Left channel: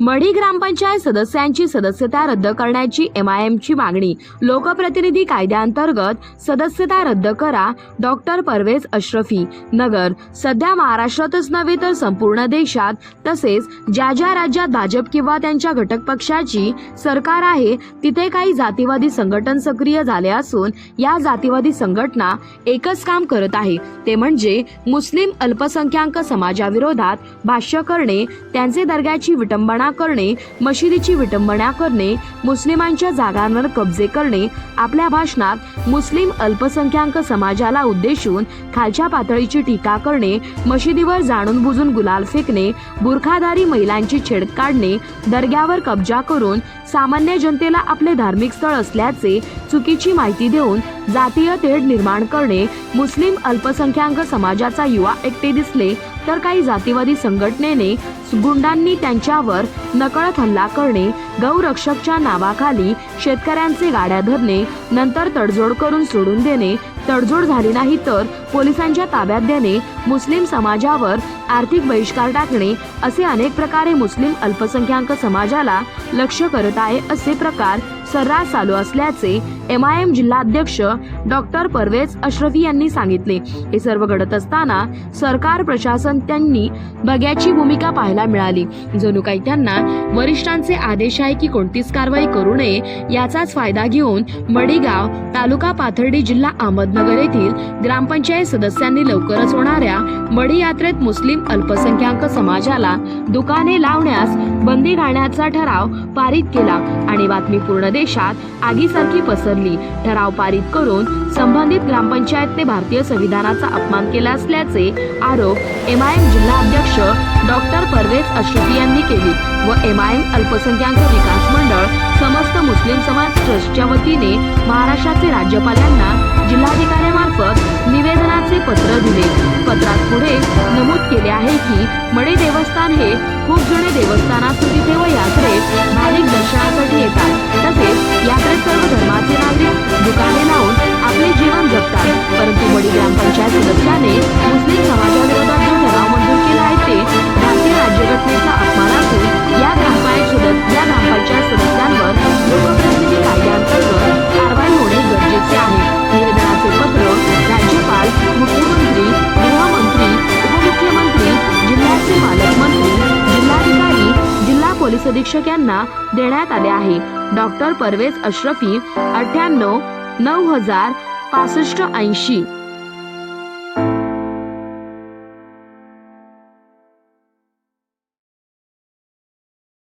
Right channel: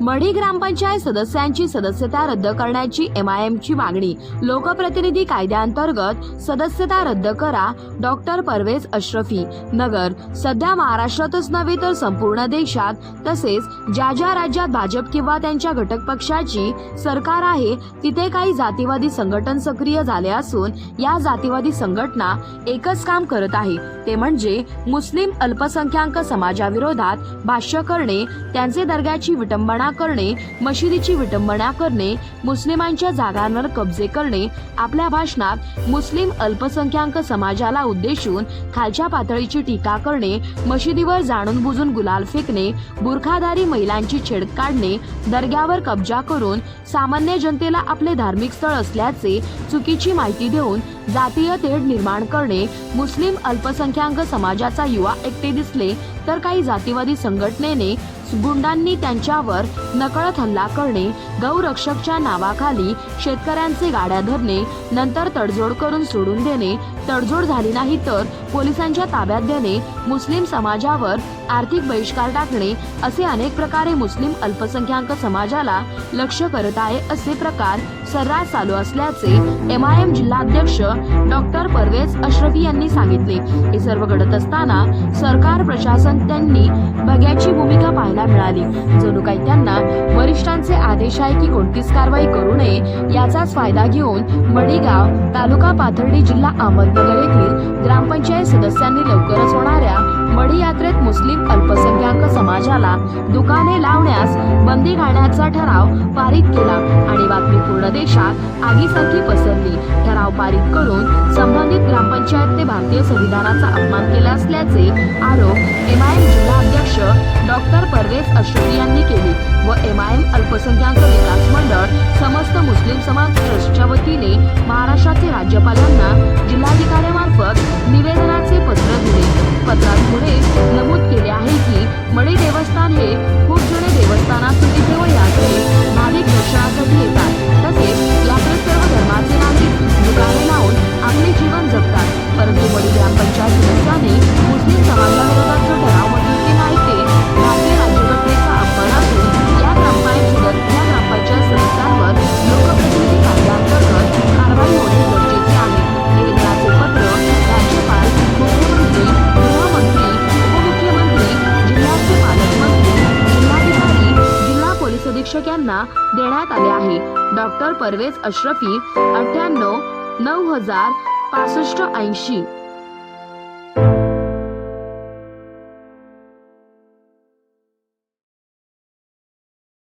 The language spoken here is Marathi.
मढी ग्रामपंचायत सदस्यांची सदस्यता रद्द करण्याची एमआयएमची मागणी. लोकप्रतिनिधी कायद्याअंतर्गत सदस्यता रद्द करा डॉक्टर परवेज अश्रफी. नगर सध्या महाराष्ट्रातच नव्हे तर संपूर्ण देशात तसेच ज्या ज्या राज्यात भाजप किंवा त्यांच्या घटक पक्षाची सरकार आहे तिथे काही जातीवादी संघटन सक्रिय झाले असून या जातीवादी संघटना एकच काम करत आहे. ते म्हणजे मुस्लिम अल्पसंख्याक समाजाविरोधात भाष्य करणे त्यांचे दर्ग्याची विटंबना करणे मशिदीची विटंबना करणे मुस्लिमांच्या जागांवर कब्जे करणे आपल्या भाषणात मुस्लिम अल्पसंख्याक समाजाला उद्देशून खालच्या पातळीची टीका करणे मशिदीवर जाणून बुजून गुलाल फेकणे बुरखाधारी महिलांची छेड काढणे दर्ग्यावर कब्जा करून सामान्य जनतेला आपले धार्मिक स्थळ असल्याचे चुकीची माहिती देऊन जातीय तेढ निर्माण करणे मुस्लिम अल्पसंख्याक समाजाचा युवा एकटे दिसले तर काही जातीवादी संघटनेने गुंडांनी त्यांच्यावर नकळत हल्ला करणे गौरक्षकच्या नावाखाली शेतकऱ्यांचे गाड्या धरणे नंतर तडजोड करून सोडून देणे तडजोड झाली नाही तर पोलिसांच्या ताब्यात देणे मुस्लिम समाजावर आर्थिक बहिष्कार टाकणे असे अनेक प्रकारे मुस्लिम अल्पसंख्याक समाजाला लक्ष करत आहे असे प्रकार सर्रास चालू असल्याचे एम आय एम जिल्हाध्यक्ष डॉक्टर परवेज अश्रफी यांनी सांगितले. हे सर्व घडत असताना सरकार प्रशासन त्यांनी बघ्याची भूमिका पाहिली. पाहायला मिळाली. जणू काही त्यांना वरिष्ठांचे आदेश आहे की कोणतीच कारवाई करू नये याचाच फायदा घेऊन मडीगाव तालुका पाथर्डी जिल्हा अहमदनगर येथील ग्रामपंचायत सदस्यांनी लवकरच होणाऱ्या मडी यात्रेत मुस्लिम अल्पसंख्याक समाजाला दुकाने लावण्यास बंदी घालण्याचा ठराव पारित केला आणि बातमी पूर्ण देशात आगीसारखी पसरली. ठराव पारित करून संबंधित ग्रामपंचायतने भारतीय संविधानाचा अपमान केला असल्याचे आरोप एम परवेज अश्रफी यांनी केली व एमआयएम अल्पसंख्याक विकास मंडळ समस्त मुस्लिम समाज ट्रस्टच्या वतीने महाराष्ट्राचे राज्यपालांना जिल्हाधिकाऱ्यामार्फत जिल्हाधिकाऱ्यांमार्फत निवेदनाचे पत्र दिले. पत्रात पुढे नमूद केले आहे की मडे देवस्थान हे खूप जुने देवस्थान असून तिथे व यात्रे भाविक दर्शनासाठी पोलीस अधीक्षक यांना देण्यात आले आहे. डॉक्टर परवेज अश्रफी अठ्ठ्याण्णव नऊ हजार पासष्ट ऐंशी.